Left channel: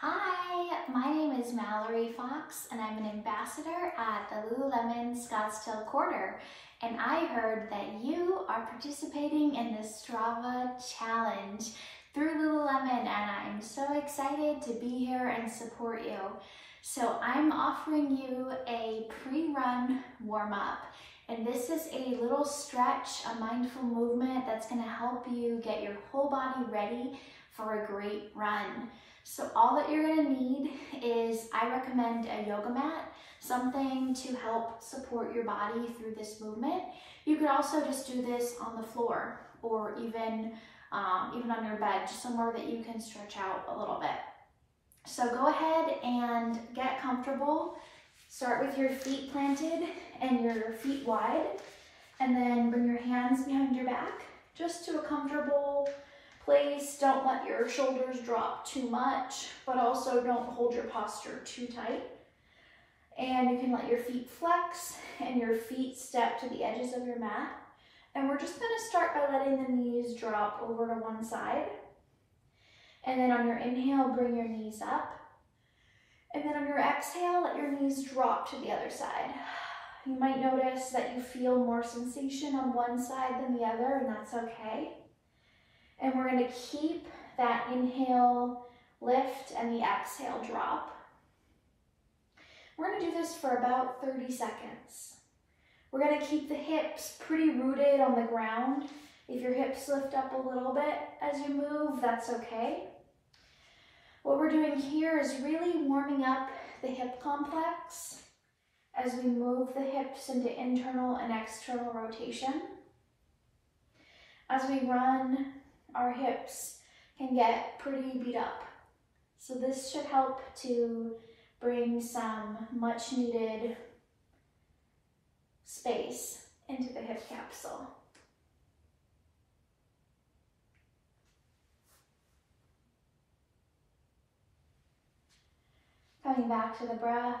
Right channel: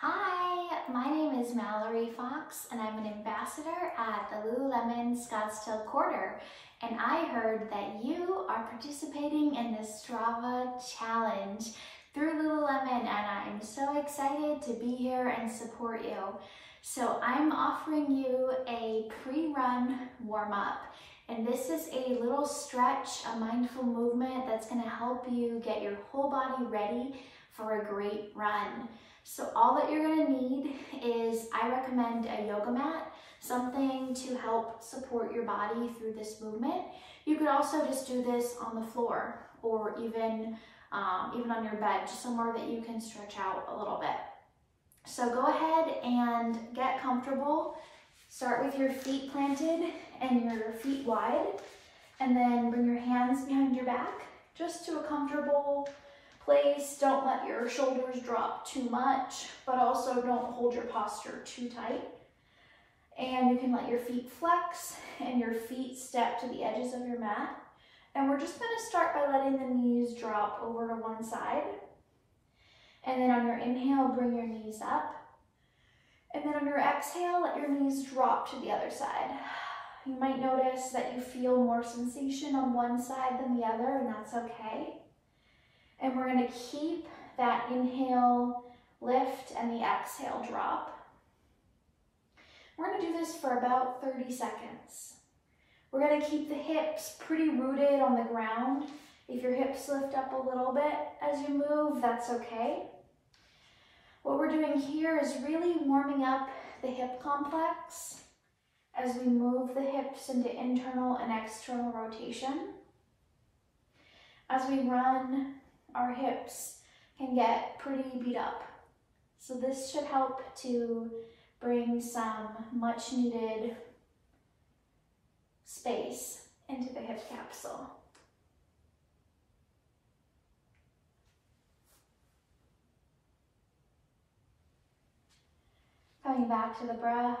Hi, my name is Mallory Fox and I'm an ambassador at the Lululemon Scottsdale Quarter, and I heard that you are participating in the Strava challenge through Lululemon, and I'm so excited to be here and support you. So I'm offering you a pre-run warm-up, and this is a little stretch, a mindful movement that's going to help you get your whole body ready for a great run. So all that you're going to need is, I recommend a yoga mat, something to help support your body through this movement. You could also just do this on the floor, or even on your bed, just somewhere that you can stretch out a little bit. So go ahead and get comfortable. Start with your feet planted and your feet wide, and then bring your hands behind your back, just to a comfortable place. Don't let your shoulders drop too much, but also don't hold your posture too tight. And you can let your feet flex and your feet step to the edges of your mat. And we're just going to start by letting the knees drop over to one side. And then on your inhale, bring your knees up. And then on your exhale, let your knees drop to the other side. You might notice that you feel more sensation on one side than the other, and that's okay. And we're going to keep that inhale lift and the exhale drop. We're going to do this for about 30 seconds. We're going to keep the hips pretty rooted on the ground. If your hips lift up a little bit as you move, that's okay. What we're doing here is really warming up the hip complex as we move the hips into internal and external rotation. As we run, our hips can get pretty beat up. So this should help to bring some much needed space into the hip capsule. Coming back to the breath.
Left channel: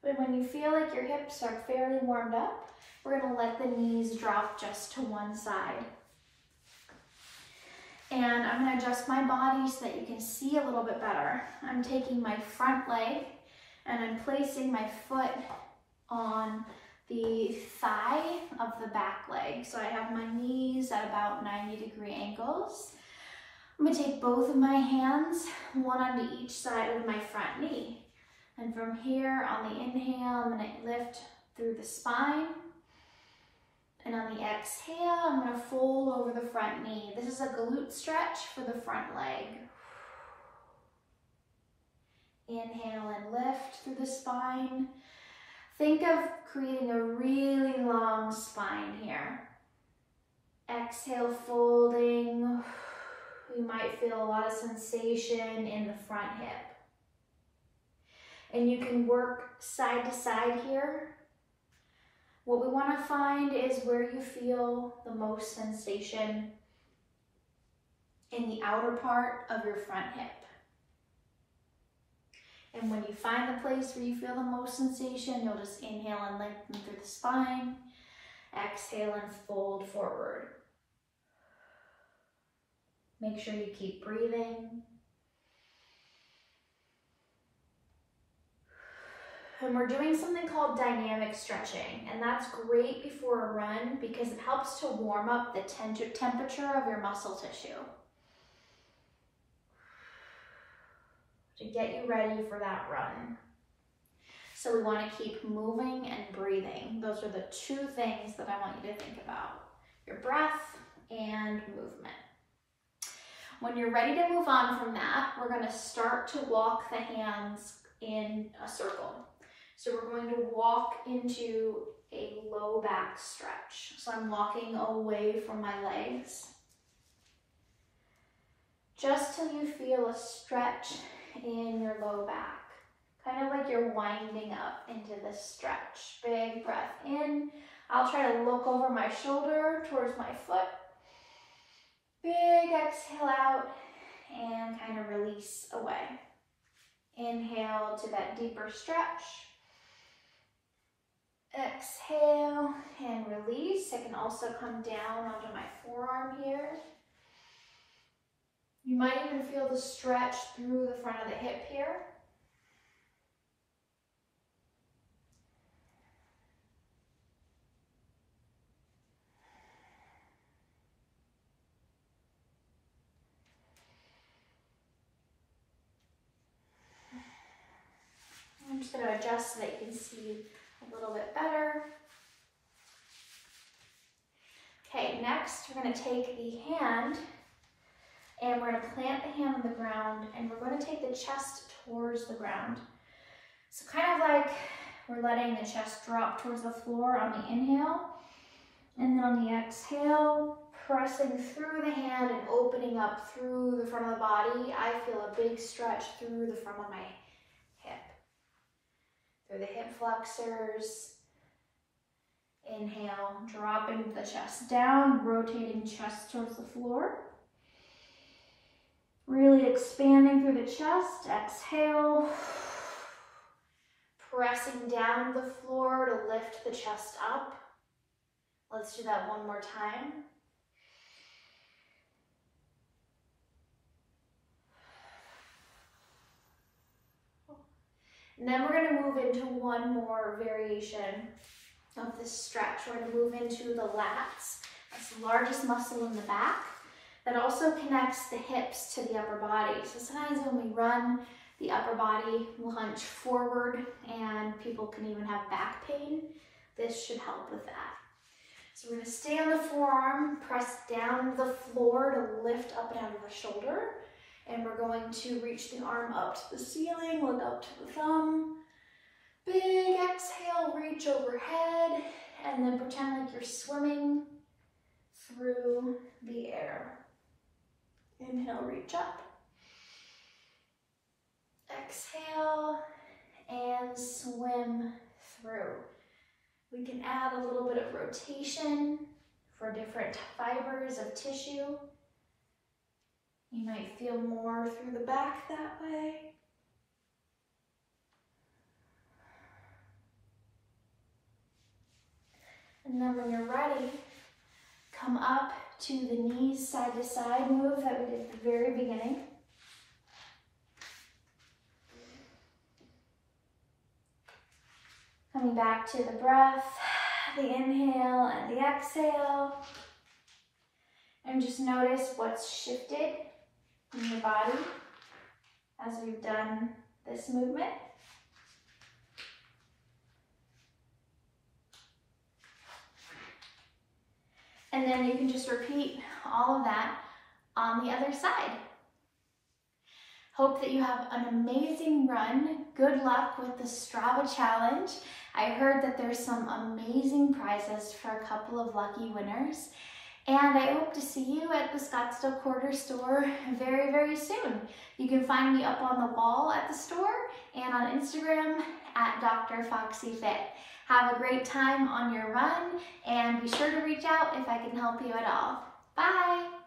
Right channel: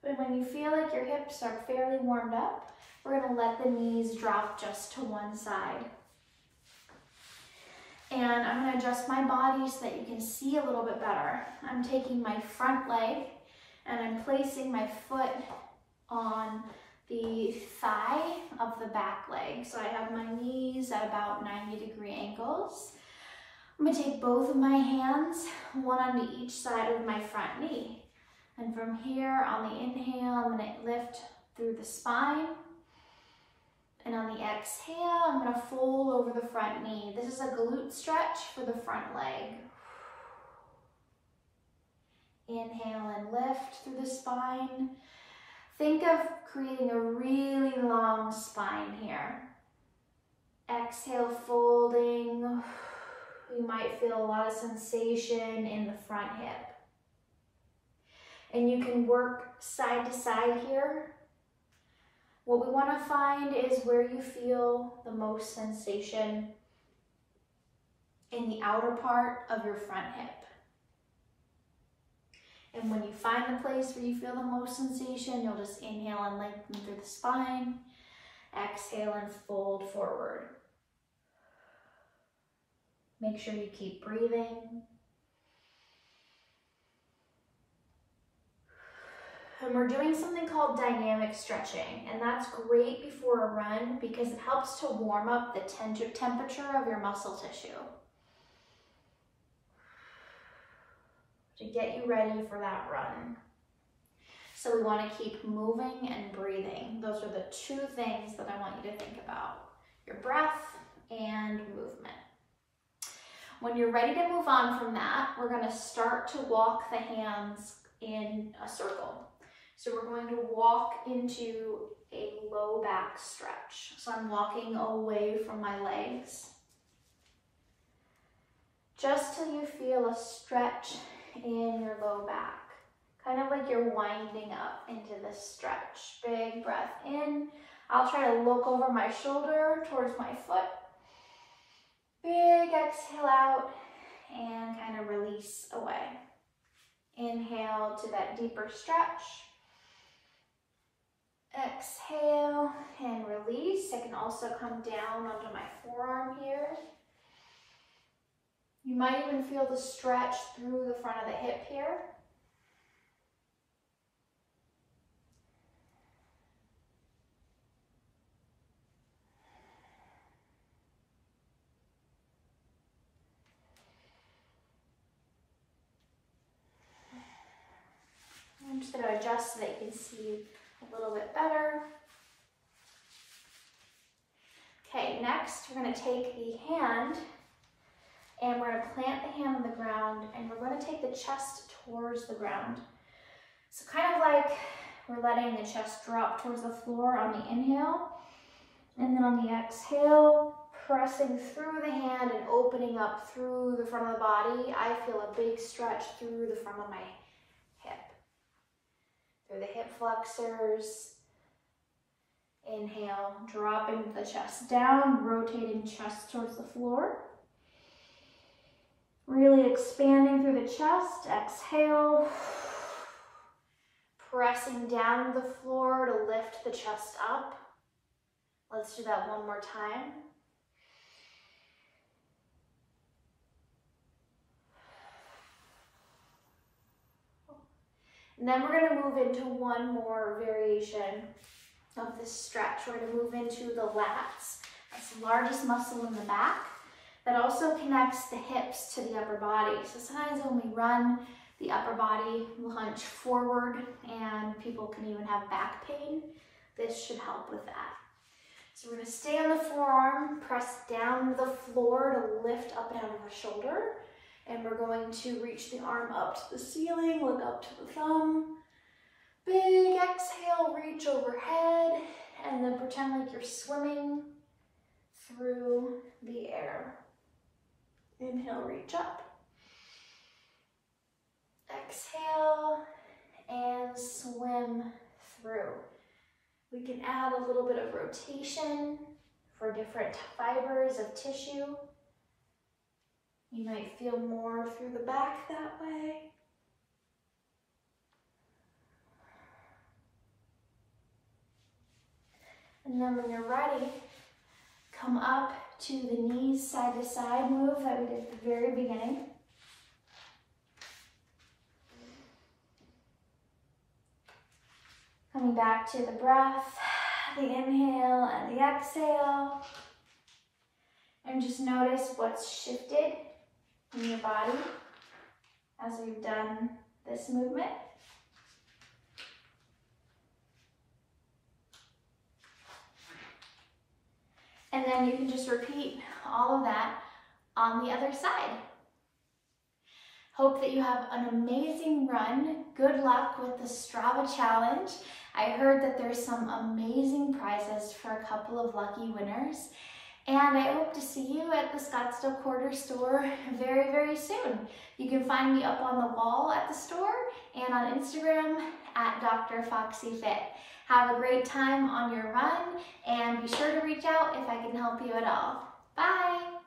But when you feel like your hips are fairly warmed up, we're going to let the knees drop just to one side. And I'm going to adjust my body so that you can see a little bit better. I'm taking my front leg and I'm placing my foot on the thigh of the back leg. So I have my knees at about 90-degree angles. I'm going to take both of my hands, one on each side of my front knee. And from here, on the inhale, I'm going to lift through the spine. And on the exhale, I'm going to fold over the front knee. This is a glute stretch for the front leg. Inhale and lift through the spine. Think of creating a really long spine here. Exhale, folding. You might feel a lot of sensation in the front hip. And you can work side to side here. What we want to find is where you feel the most sensation in the outer part of your front hip. And when you find the place where you feel the most sensation, you'll just inhale and lengthen through the spine. Exhale and fold forward. Make sure you keep breathing. And we're doing something called dynamic stretching, and that's great before a run because it helps to warm up the temperature of your muscle tissue to get you ready for that run. So we want to keep moving and breathing. Those are the two things that I want you to think about: your breath and movement. When you're ready to move on from that, we're going to start to walk the hands in a circle. So we're going to walk into a low back stretch. So I'm walking away from my legs, just till you feel a stretch in your low back. Kind of like you're winding up into this stretch. Big breath in. I'll try to look over my shoulder towards my foot. Big exhale out and kind of release away. Inhale to that deeper stretch. Exhale and release. I can also come down onto my forearm here. You might even feel the stretch through the front of the hip here. I'm just going to adjust so that you can see a little bit better. Okay, next we're going to take the hand and we're going to plant the hand on the ground and we're going to take the chest towards the ground. So kind of like we're letting the chest drop towards the floor on the inhale, and then on the exhale, pressing through the hand and opening up through the front of the body. I feel a big stretch through the front of my hip. Through the hip flexors. Inhale, dropping the chest down, rotating chest towards the floor. Really expanding through the chest. Exhale. Pressing down to the floor to lift the chest up. Let's do that one more time. And then we're going to move into one more variation of this stretch. We're going to move into the lats. That's the largest muscle in the back that also connects the hips to the upper body. So sometimes when we run, the upper body will hunch forward and people can even have back pain. This should help with that. So we're going to stay on the forearm, press down to the floor to lift up and out of the shoulder. And we're going to reach the arm up to the ceiling, look up to the thumb. Big exhale, reach overhead, and then pretend like you're swimming through the air. Inhale, reach up. Exhale, and swim through. We can add a little bit of rotation for different fibers of tissue. You might feel more through the back that way. And then when you're ready, come up to the knees side to side move that we did at the very beginning. Coming back to the breath, the inhale and the exhale. And just notice what's shifted in your body as we've done this movement. And then you can just repeat all of that on the other side. Hope that you have an amazing run. Good luck with the Strava challenge. I heard that there's some amazing prizes for a couple of lucky winners. And I hope to see you at the Scottsdale Quarter store very, very soon. You can find me up on the wall at the store and on Instagram at Dr. Foxy Fit. Have a great time on your run and be sure to reach out if I can help you at all. Bye!